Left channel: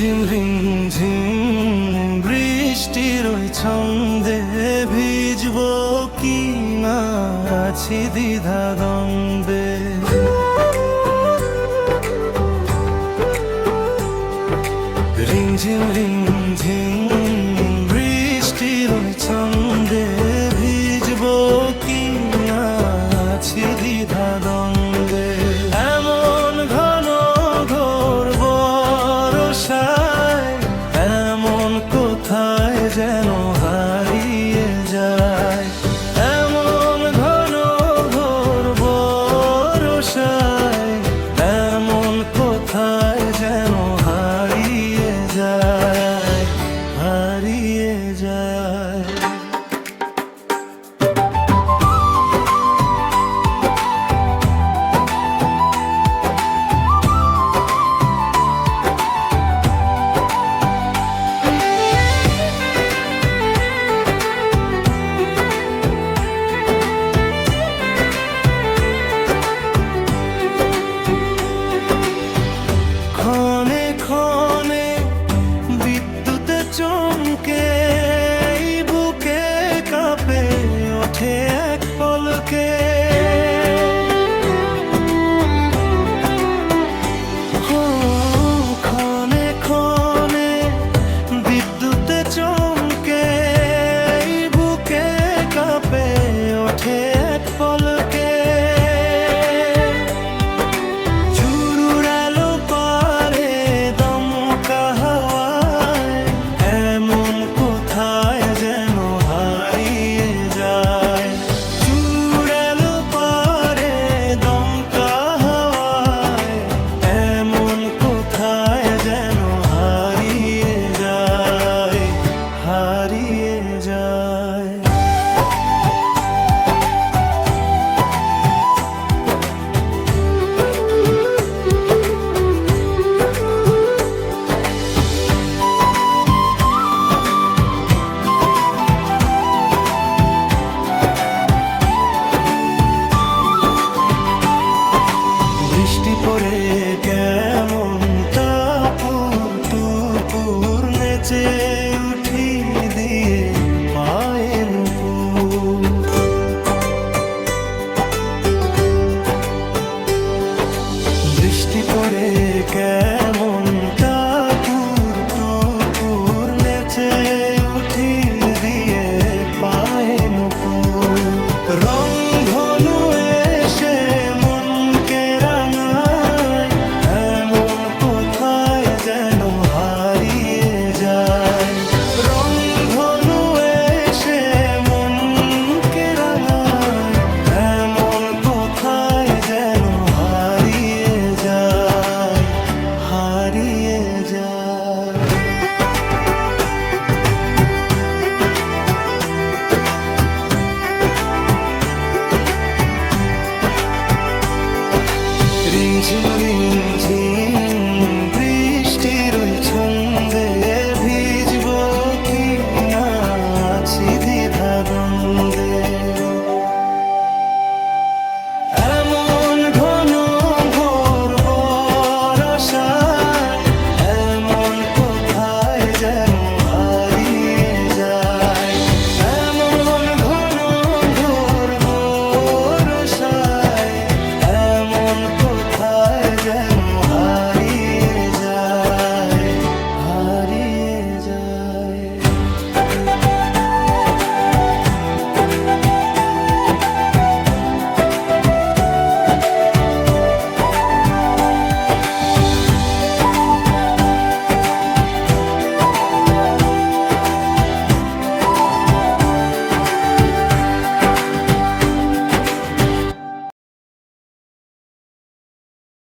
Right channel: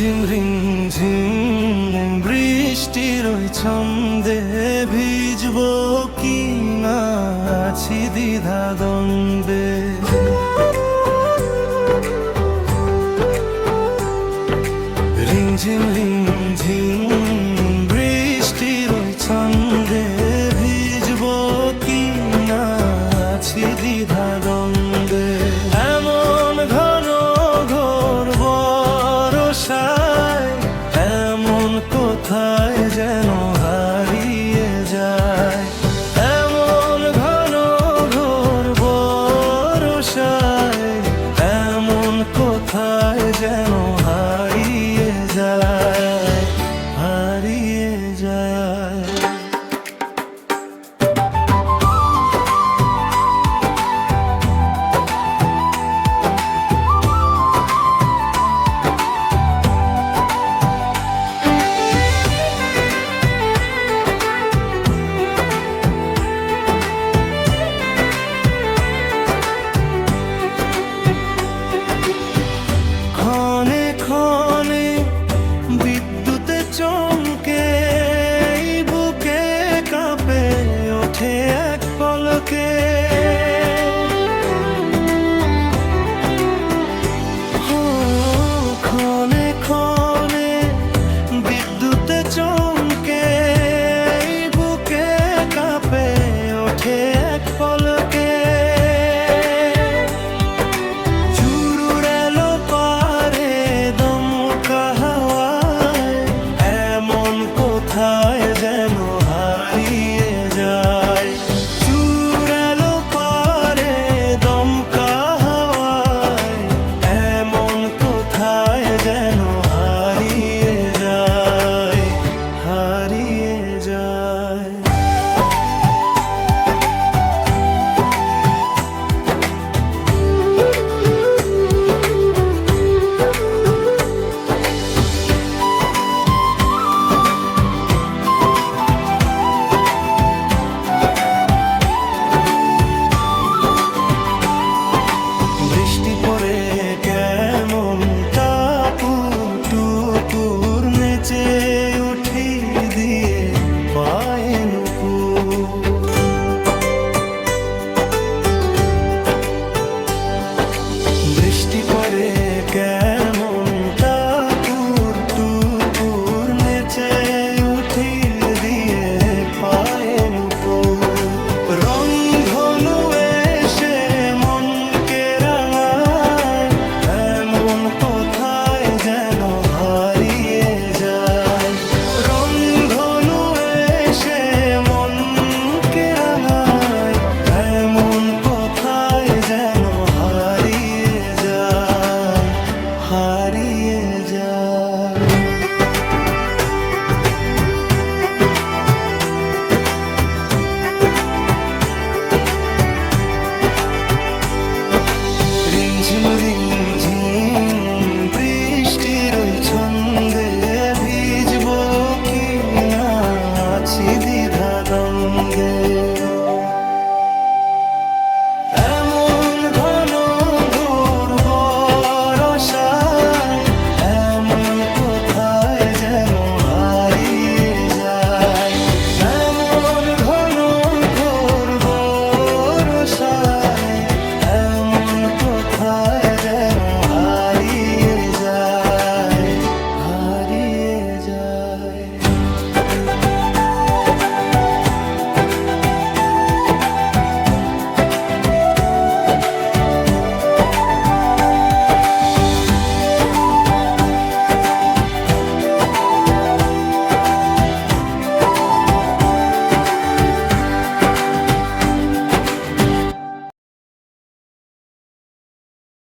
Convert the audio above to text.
রিমঝিম বৃষ্টির ওই ছন্দে ভিজবো কি না আছি দ্বিধা দ্বন্দ্বে। রিমঝিম বৃষ্টির ওই ছন্দে ভিজবো কি না আছি দ্বিধা দ্বন্দ্বে। এমন ঘন ঘোর বর্ষায় এমন কোথায় যেন হারিয়ে যায়। এমন ঘন ঘোর বর্ষায় এমন কোথায় যেন হারিয়ে যায়, হারিয়ে যায়। ক্ষণে ক্ষণে বিদ্যুতে চমকে বুকে কাঁপে ওঠে এক পলকে। ক্ষণে ক্ষণে বিদ্যুতে চমকে বুকে কাঁপে ওঠে এক পলকে। কোথায় যেন হারিয়ে যায়, চুড়ালো পারে দমকা হাওয়ায় এমন কোথায় যেন হারিয়ে যায়, হারিয়ে যায়। বৃষ্টি পড়ে কেমন টাপুর টুপুর নেচে উঠি দিয়ে পায়ে নুপুর। বৃষ্টি পড়ে কেমন টাপুর টুপুর নেচে উঠি দিয়ে পায়ে নুপুর। রং ধনু এসে মনকে রাঙায় এমন কোথায় যেন হারিয়ে যায়। রং ধনু এসে মনকে রাঙায় এমন কোথায় যেন হারিয়ে যায়, হারিয়ে যায়। রিমঝিম বৃষ্টির ওই ছন্দে ভিজবো কি না আছি দ্বিধা দ্বন্দ্বে। এমন